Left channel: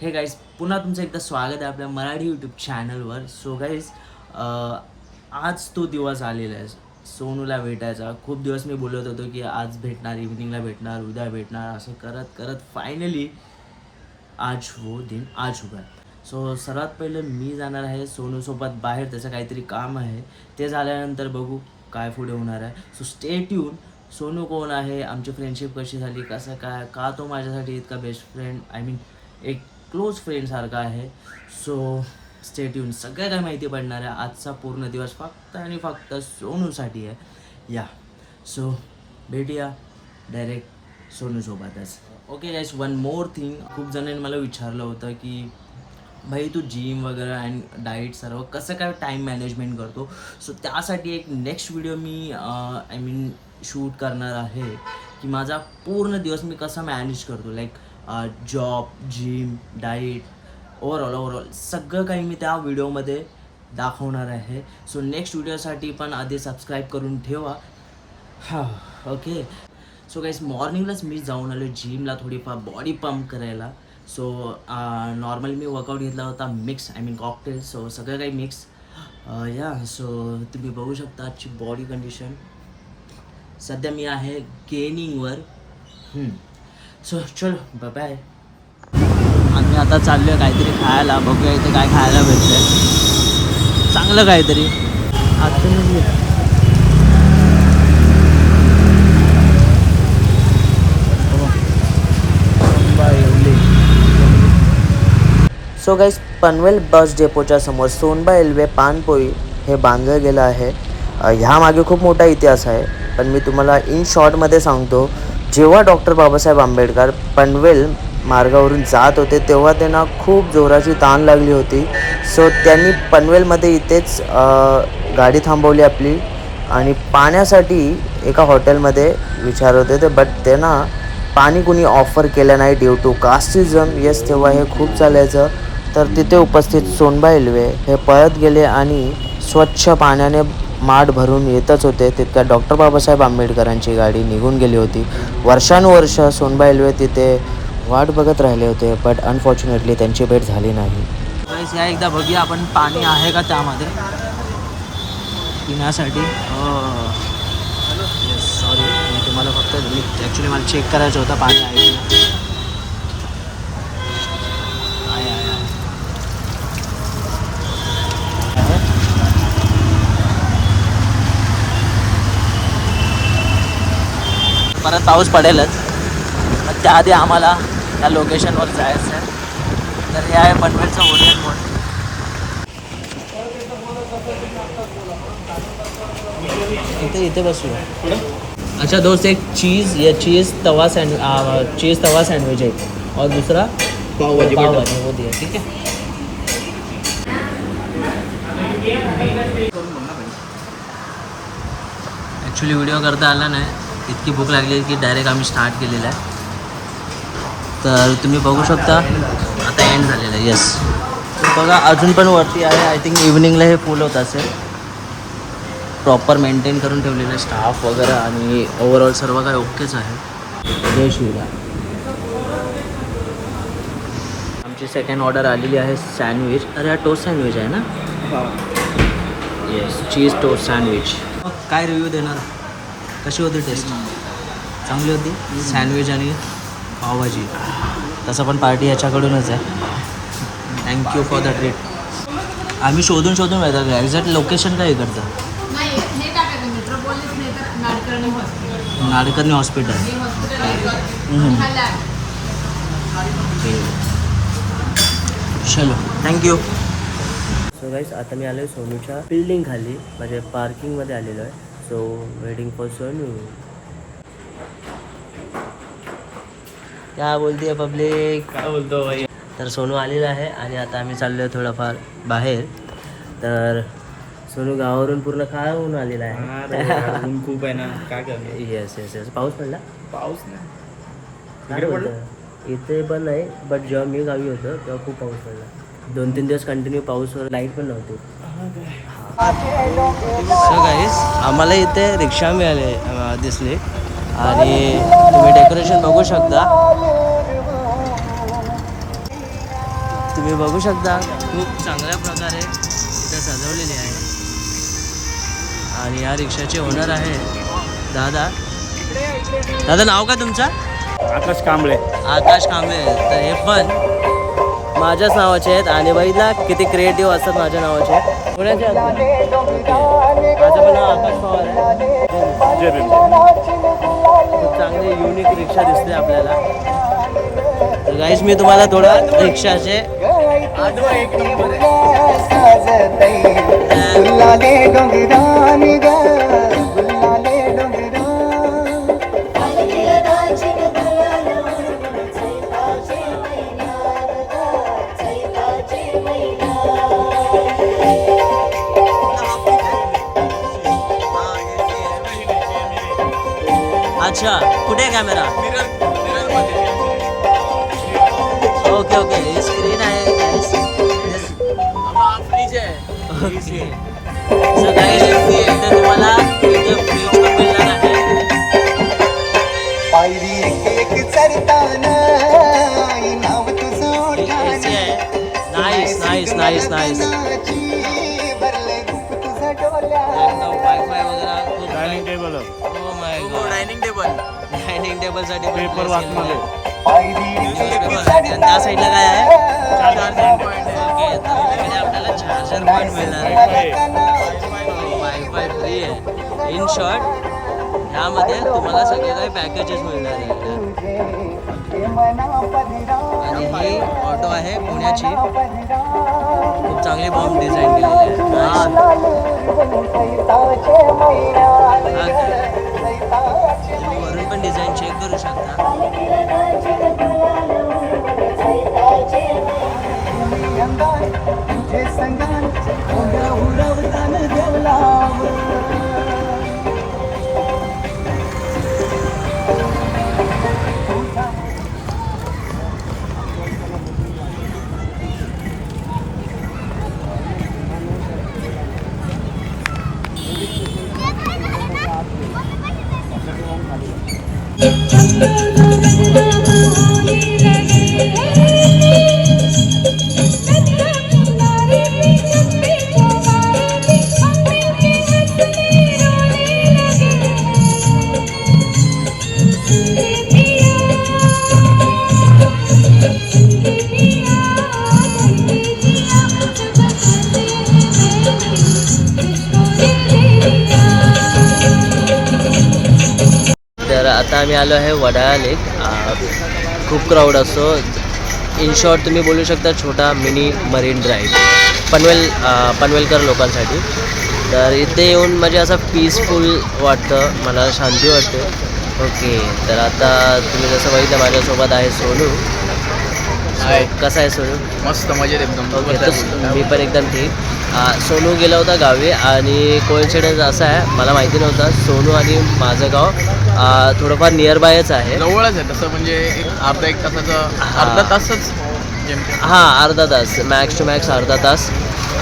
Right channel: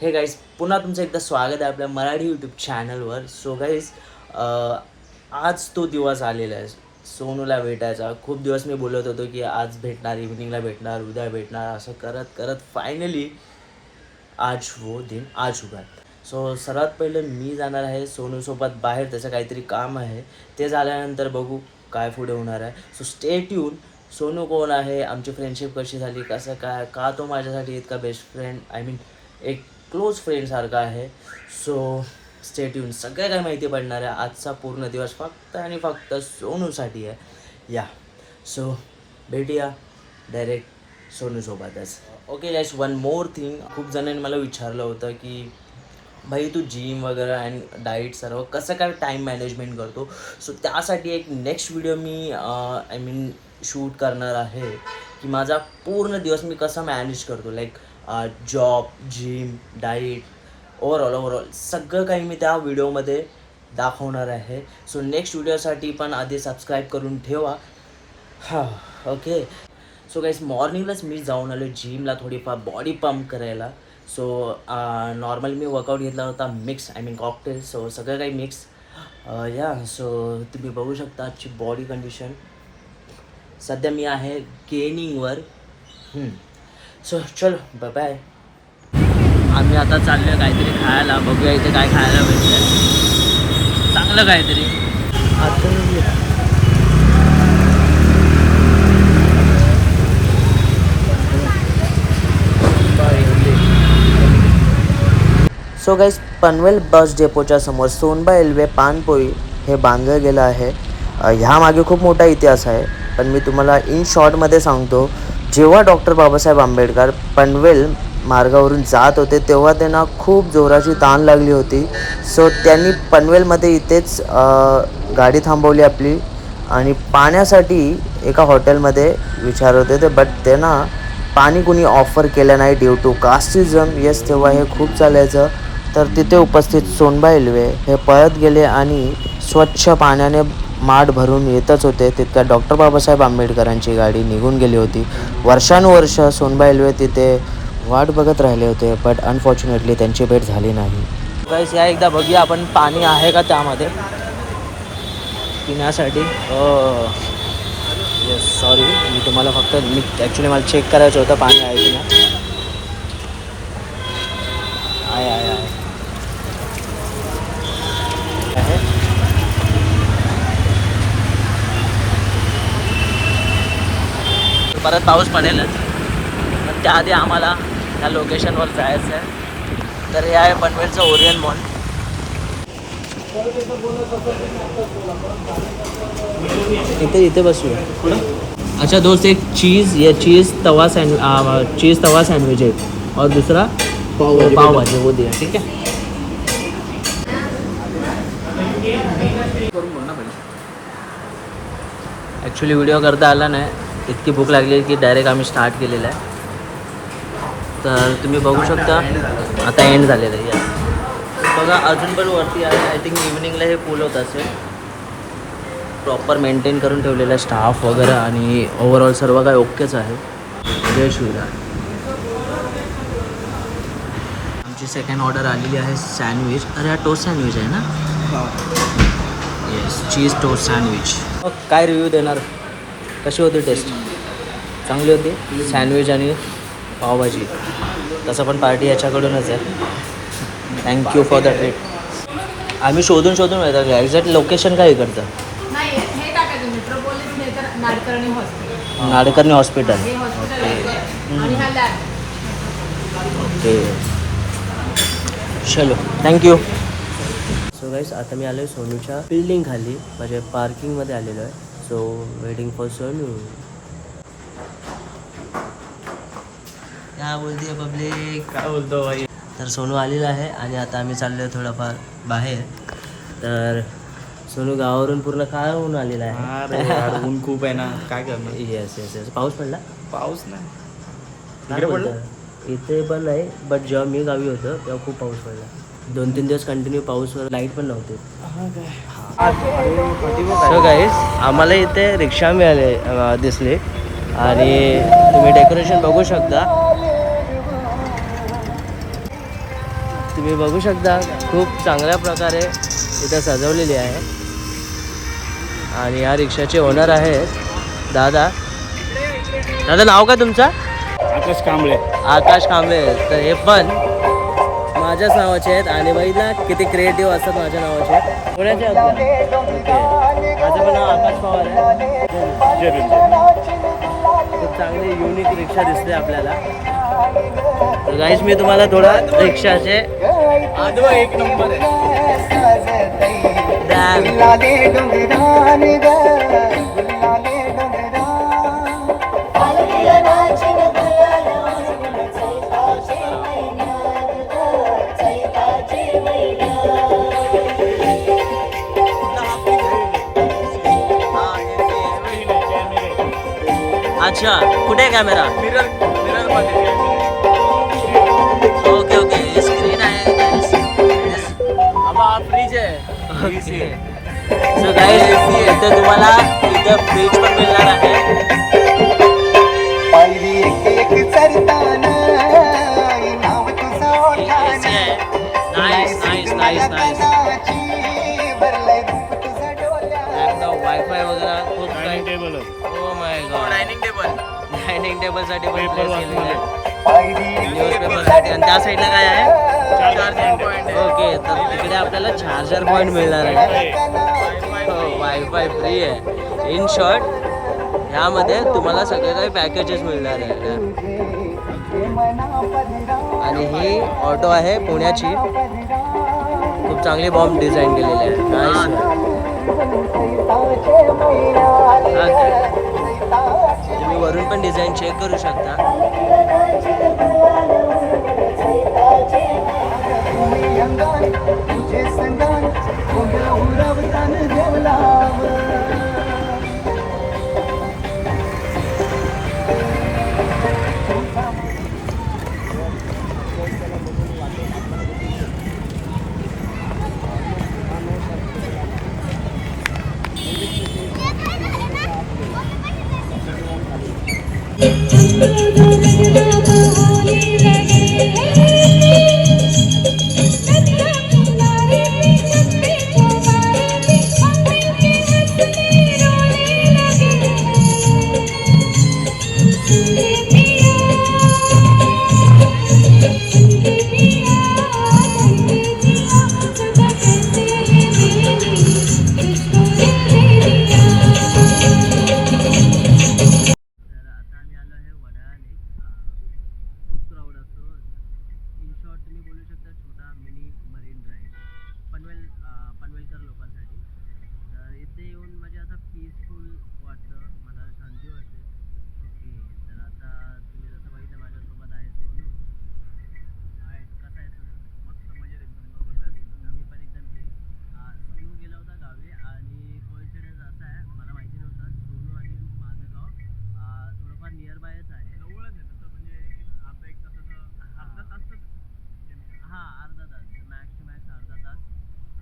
हे गाईज पुन्हा तुमचं एकदा स्वागत आहे आपल्या मराठी यूट्यूब चॅनलवर सो गाईज आज तो दिवस आलेला आहे. सोनूला भेटायचा. खूप दिवस मी बोलत होतो की आज भेटणार इव्हिनिंगला भेटणार उद्या भेटणार असं करत करत फायनली आज वो दिन आज चुका सो सर्वात पहिलं मी जाणार आहे सोनूसोबत बाहेर. त्याचं काहीतरी काम आहे. ते झाल्यानंतर बघू काय पुढे होणार आहे. सो स्टेट येऊन सोनू कोण आहे? आमची फ्रेंडशिप कशी झाली? कसं काय? का तो माझ्यासाठी इतका बेस्ट फ्रेंड आय मीन एक क्लोज फ्रेंडसारखा आहे. सो स्टेट येऊन सगळं काय माहिती पडणार आहे. आजचा पूर्ण दिवस फक्त आणि फक्त सोनूसाठी आहे. या. सो भेटूया direct सोनूसोबतच. Okay guys one more thing खूप जणांनी मला विचारलं होतं की भाई तू जिम वगैरे अँड डाईट सर्व कसं काय टाईम मॅनेजमेंट करतो? सो त्यासाठी एक नेक्स्ट व्हिडिओ मी आय मीन शूट करणार आहे की माझा पूर्ण दिवस मी कसा मॅनेज करतो? Like job gym diet overall overall सगळं काही मी त्या व्हिडिओमध्ये दाखवणार आहे. सो नेक्स्ट व्हिडिओसाठी पण आधी सबस्क्राईब करून ठेवा. हां ओके सो गाईस मॉर्निंगलाच मी जाऊन आलो जिमला थोडीफार बॉडी पंप करायला. सो नॉर्मली मी वर्कआउट घेतला होता mix I mean cocktail so सगळं काही मिक्स या सो तुम्ही बघू शकता आजची बॉडी कंडिशन सध्या मी आहे गेनिंगवर सो चल. बाय आम्ही आता चाललो काहीतरी खायला. बघूया इथे काय खायला भेटले चांगलं काहीतरी. आता सो गाईज पनवेल बस डेपोच्या समोर सोनबा रेल्वे पानपोई हे बांधलं गेलं आहे. ह्यामागे खूप मोठा इतिहास आहे. पण मी तुम्हाला इन शॉर्टमध्ये सांगतो जेव्हा डॉक्टर बाबासाहेब आंबेडकर पनवेल मार्गावरून जात होते तेव्हा त्यांना खूप जोराची ताण लागली होती. सो त्यांनी पनवेलमध्ये इथेच गाडी थांबवली आपली आणि पाण्यासाठी एका हॉटेलमध्ये विचारत होते बट त्यांना पाणी कुणी ऑफर केलं नाही ड्यू टू कास्टिझम येस तेव्हा हे खूप चालायचं. तर तिथे उपस्थित सोनबा एल्वे हे पळत गेले आणि स्वच्छ पाण्याने माठ भरून येतच होते तितक्या डॉक्टर बाबासाहेब आंबेडकरांची गाडी निघून गेली होती. वर्षानुवर्ष सोनबाई रेल्वे तिथे वाट बघत राहिले होते बट अनफॉर्च्युनेटली त्यांची भेट झाली नाही. गाईस या एकदा बघूया आपण पाणी आहे का त्यामध्ये? पिण्यासाठी. हो. येस सॉरी मी तुम्हाला फक्त मी ॲक्च्युली मला चेक करायचं होतं पाणी आहे की नाही आहे आहे आहे आहे. परत पाऊस पडेलच. पण त्याआधी आम्हाला त्या लोकेशनवर जायचं आहे तर हे आहे पनवेलचं ओरियन मॉल. इथे इथे बसूया. अच्छा दोस्त एक चीज़ ये चीज़ तवा सैंड चीज़ तवा सैंडविच है और दूसरा? पाव भाजी पाव भाजी वो दे ठीक है ॲक्च्युली व्हिडिओ करता आला नाही. इतकी भूक लागली की डायरेक्ट आम्ही स्टार्ट केलेला आहे. तर तुम्ही बघू शकता आता एंड झालेलं आहे येस बघा अजून पण वरती आहे. आय थिंक इव्हनिंगला हे फुल होत असेल. प्रॉपर मेंटेन करून ठेवलेला आहे स्टाफ वगैरे आणि ओव्हरऑल सर्व काय ओकेच आहे. जय आमची सेकंड ऑर्डर आलेली आहे सँडविच अरे हा टोस्ट सँडविच आहे ना? येस चीज टोस्ट सँडविच काय रिव्ह्यू देणार? कशी होती टेस्ट? चांगली होती. सँडविच आणि पावभाजी. तसं पण पार्टी याच्याकडूनच आहे. थँक्यू फॉर द ट्रीट आम्ही शोधून शोधून येतात एक्झॅक्ट लोकेशन काय इकडचं? हे नाडकर्णी हॉस्पिटल हे. हा. ओके चलो. थँक्यू सो गाईस आता मी आलो आहे सोनूच्या बिल्डिंग खाली. म्हणजे पार्किंगमध्ये आलेलो आहे. सो वेटिंग फॉर सोनू क्या बोलती आहे पब्लिक काय बोलतो भाई? तर सोनू आलेला आहे आणि आता आम्ही चाललो आहे थोडंफार बाहेर. तर सोनू गावावरून पूर्ण काय होऊन आलेला आहे. ऊन खूप आहे ना. काय करणार? येस येस येस पाऊस पडला? पाऊस नाही? इथे पण नाही बट जेव्हा मी गावी होतो तेव्हा खूप पाऊस पडला. दोन तीन दिवस कंटिन्यू पाऊसवर लाइट पण नव्हती. सो गाईस आम्हाला इथे रिक्षा मिळाले दिसली. आणि तुम्ही डेकोरेशन बघू शकता. तुम्ही बघू शकता खूप चांगल्या प्रकारे इथं सजवलेली आहे. आणि या रिक्षाचे ओनर आहे दादा. दादा नाव काय तुमचं? आकाश कांबळे. आकाश कांबळे. तर हे पण माझ्याच नावाचे आहेत आणि बघितला किती क्रिएटिव्ह असतात माझ्या नावाचे. पुण्याचे? ओके. माझं पण नाव आकाश पवार आहे. खूप चांगली युनिक रिक्षा दिसते आपल्याला. तर मी तुम्हाला थोडं रिक्षाचे गुलाले अच्छा कुठे आहे कॅमेरा ओके ओके स्क्रीन आहे. ओके सो गाईस इथे तुम्हाला इथं फ्रीज पण मिळणार आहे. Nice nice nice nice wifi वगैरे खूप dining table oh my god dining table dining टेबलसाठी पण पेपर place केलेलं आहे. आणि त्या साईडला काय आहे? चार्जिंग पॉईंट ओके तर तिकडे आपल्याला चार्जर पॉईंट मिळणार आहे. वायफाय फ्री आहे. इन शॉर्ट ह्यामध्ये तुम्हाला सगळे काही पॅकेजेस मिळणार आहे आणि ही ऑटो आहे पुण्याची. खूप चांगली बॉम्ब डिझाईन केलेली आहे. तुम्ही वरून पण डिझाईन चेक करू शकता. आता आम्ही आलो आहे वडाळा लेक. खूप क्राऊड असतो. इन शॉर्ट तुम्ही बोलू शकता छोटा mini marine drive Panvel Panvelkar लोकांसाठी. तर इथे येऊन म्हणजे असं पीसफुल वाटतं. मला शांती वाटते. ओके तर आता तुम्ही जसं बघितलं माझ्यासोबत आहे सोनू. कसा आहे सोनू? मस्त मजेत एकदम. ओके मी पण एकदम ठीक. सोनू गेला होता गावी आणि कोइन्सिडन्स असा आहे मला माहिती नव्हता सोनू आणि माझं गाव थोडंफार नियर बायच आहे. जवळच आहे तसं म्हणजे एक अर्धा एक तासाचं हा. अर्धा तासच जेमतेम. हां अर्धा तास मॅक्स टू मॅक्स अर्धा तास.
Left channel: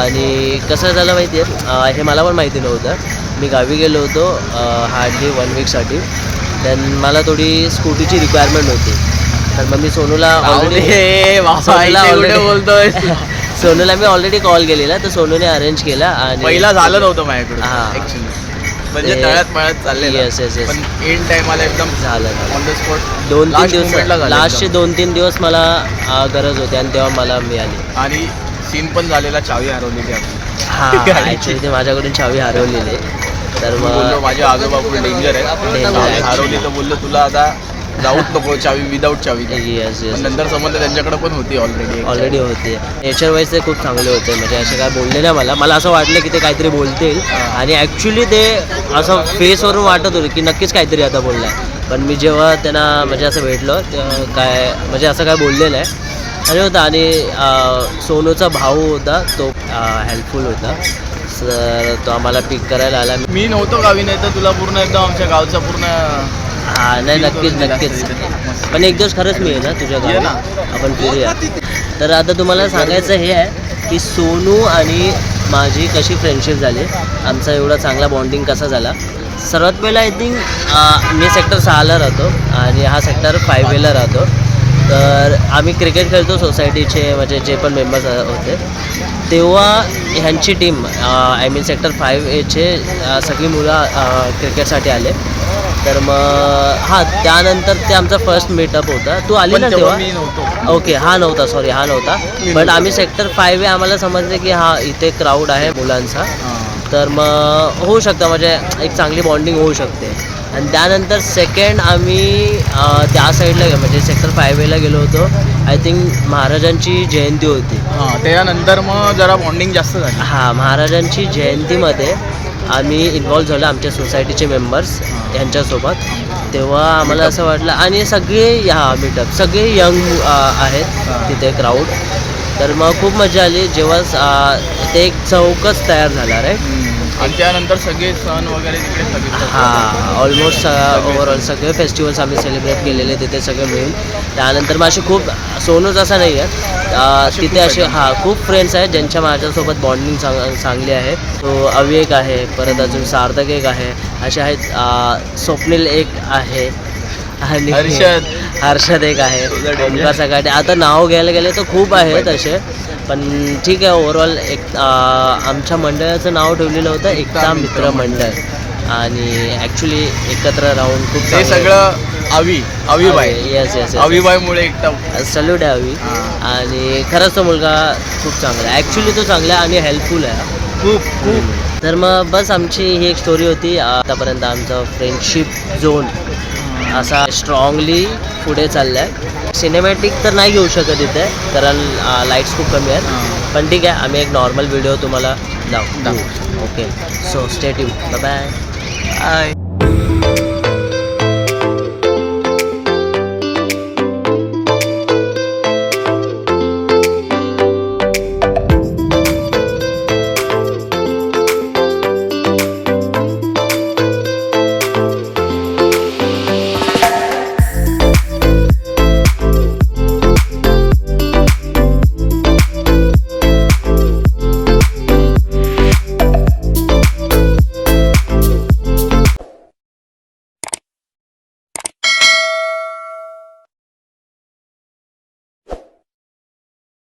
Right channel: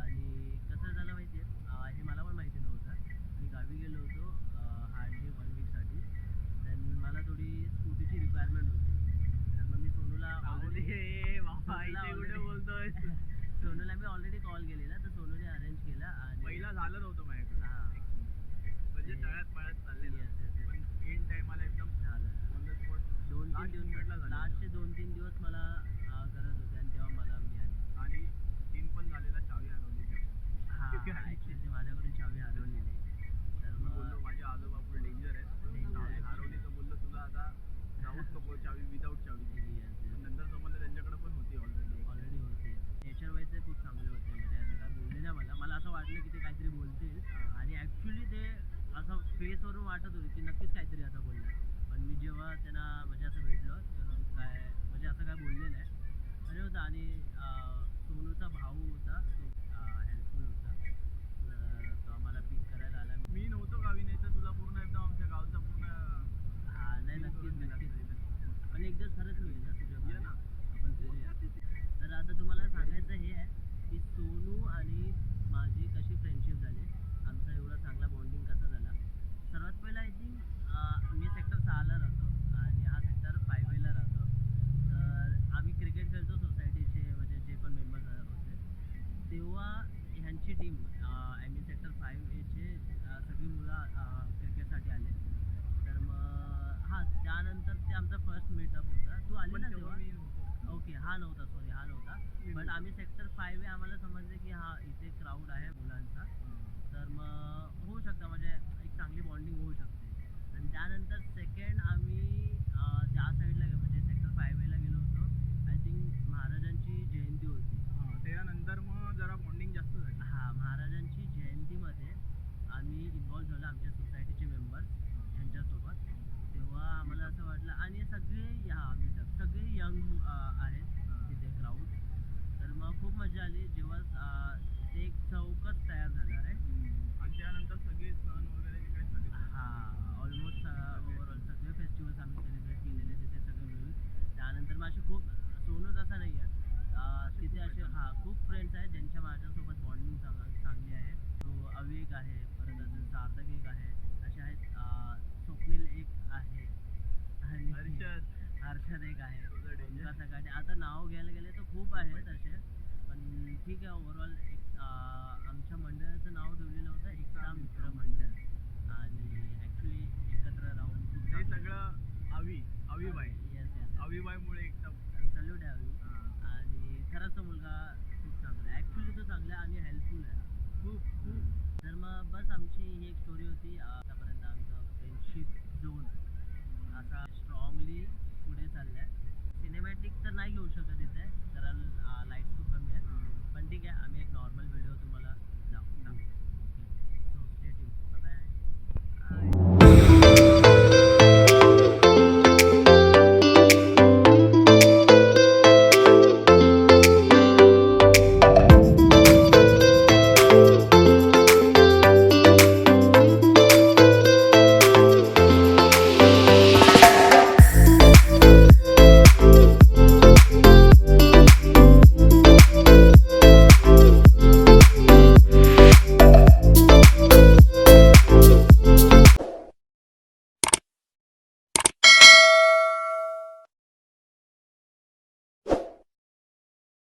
आणि कसं झालं माहिती आहे हे मला पण माहिती नव्हतं. मी गावी गेलो होतो हार्डली वन वीकसाठी देन मला थोडी स्कूटीची रिक्वायरमेंट होती. तर मग मी सोनूला ऑलरेडी बोलतोय. सोनूला मी ऑलरेडी कॉल केलेला तर सोनूने अरेंज केला आणि पहिला झालं नव्हतं माझ्याकडून हा. ऍक्च्युली म्हणजे ते- तळ्यात मळ्यात चाललेलं Yes, yes, yes. पण एंड टाइमला एकदम झालं झालं ऑन द स्पॉट दोन तीन दिवस लास्टचे. दोन तीन दिवस मला गरज होती आणि तेव्हा मला मिळाली आणि सीन पण झालेला चावी हरवलेली हां गाडीची. ॲक्च्युली ते माझ्याकडून चावी हरवलेली आहे. तर बोललो मग माझे आजोबा फुल डेंजर आहे Danger चावी आहे. हरवली तर बोललो तुला आता जाऊच नको चावी विदाऊट चावी. येस येस नंतर समजलं त्यांच्याकडे पण होती ऑलरेडी ऑलरेडी होते. नेचर वाईज ते खूप चांगले होते. म्हणजे असे काय बोलले नाही मला. मला असं वाटलं की ते काहीतरी बोलतील. आणि ॲक्च्युली ते असं फेसवरून वाटत होतं की नक्कीच काहीतरी आता बोललं आहे पण मी जेव्हा त्यांना म्हणजे असं भेटलो तेव्हा काय म्हणजे असं काय बोललेलं आहे आणि होतं आणि सोनूचा भाऊ होता तो हेल्पफुल होता. तर तो आम्हाला पिक करायला आला. मी नव्हतो गावी नाही तर तुला पूर्ण एकदम आमच्या गावचा पूर्ण हा नाही नक्कीच नक्कीच. पण एक दिवस खरंच मी आहे ना तुझ्या गावी ना. आपण फिरूया. तर आता तुम्हाला सांगायचं हे आहे की सोनू आणि माझी कशी फ्रेंडशिप झाली आमचा एवढा चांगला बॉन्डिंग कसा झाला. सर्वात पहिला आय थिंक मी सेक्टर सहाला राहतो आणि हा सेक्टर फायवेला राहतो. तर आम्ही क्रिकेट खेळतो सोसायटीचे म्हणजे जे पण मेंबर्स होते. तेव्हा ह्यांची team I mean sector five एचे सगळी मुलं क्रिकेटसाठी आले. तर मग हां त्यानंतर ते आमचा फर्स्ट मीटअप होता. तू आली ना तेव्हा तेव्हा? मी नव्हतो. ओके हा नव्हता सॉरी हा नव्हता. बट आम्ही सेक्टर आहे आम्हाला समजले की हा इथे क्राऊड आहे मुलांचा. तर मग होऊ शकतं म्हणजे एक चांगली बॉन्डिंग होऊ शकते. आणि त्यानंतर सेकंड आम्ही त्या साईडला गे- म्हणजे सेक्टर फाईव्ह एला गेलो होतो. आय थिंक महाराजांची जयंती होती. हां त्याच्यानंतर मग जरा बॉन्डिंग जास्त झाली. हां महाराजांची जयंतीमध्ये आम्ही इन्व्हॉल्व झालो आमच्या सोसायटीचे मेंबर्स यांच्यासोबत. तेव्हा आम्हाला असं वाटलं आणि सगळे हा मीटअप सगळे यंग आहेत तिथे क्राऊड तर मग खूप मजा आली. जेव्हा ते एक चौकच तयार झाला राईट आणि त्यानंतर सगळे सण वगैरे तिकडे हां ऑलमोस्ट ओव्हरऑल सगळे फेस्टिवल्स आम्ही सेलिब्रेट केलेले तिथे सगळे मिळून. त्यानंतर मग असे खूप सोनूच असं नाही आहे. तिथे असे. हां खूप फ्रेंड्स आहेत ज्यांच्या माझ्यासोबत बॉन्डिंग चांग चांगली आहे. तो अविवेक आहे परत अजून सार्थक एक आहे. असे आहेत स्वप्नील एक आहे. आणि हर्षद. हर्षद एक आहे. सकाटे आता नाव घ्यायला गेले तर खूप आहेत असे. पण ठीक आहे ओव्हरऑल एक आमच्या मंडळाचं नाव ठेवलेलं होतं एकता मित्र मंडळ. आणि ॲक्च्युली एकत्र राहून खूप ते सगळं आवी आवीबाई येस येस आवीबाईमुळे एकटा सल्यूट आहे अवी. हां. आणि खरंच तो मुलगा खूप चांगला आहे. ॲक्च्युली तो चांगला आहे आणि हेल्पफुल आहे. खूप खूप. तर मग बस आमची ही एक स्टोरी होती. आतापर्यंत आमचं फ्रेंडशिप झोन असा स्ट्रॉंगली पुढे चालला आहे सिनेमॅटिक तर नाही घेऊ शकत इथे कारण लाईट्स खूप कमी आहेत. पण ठीक आहे आम्ही एक नॉर्मल व्हिडिओ तुम्हाला दाखवू. Okay so state you bye Bye.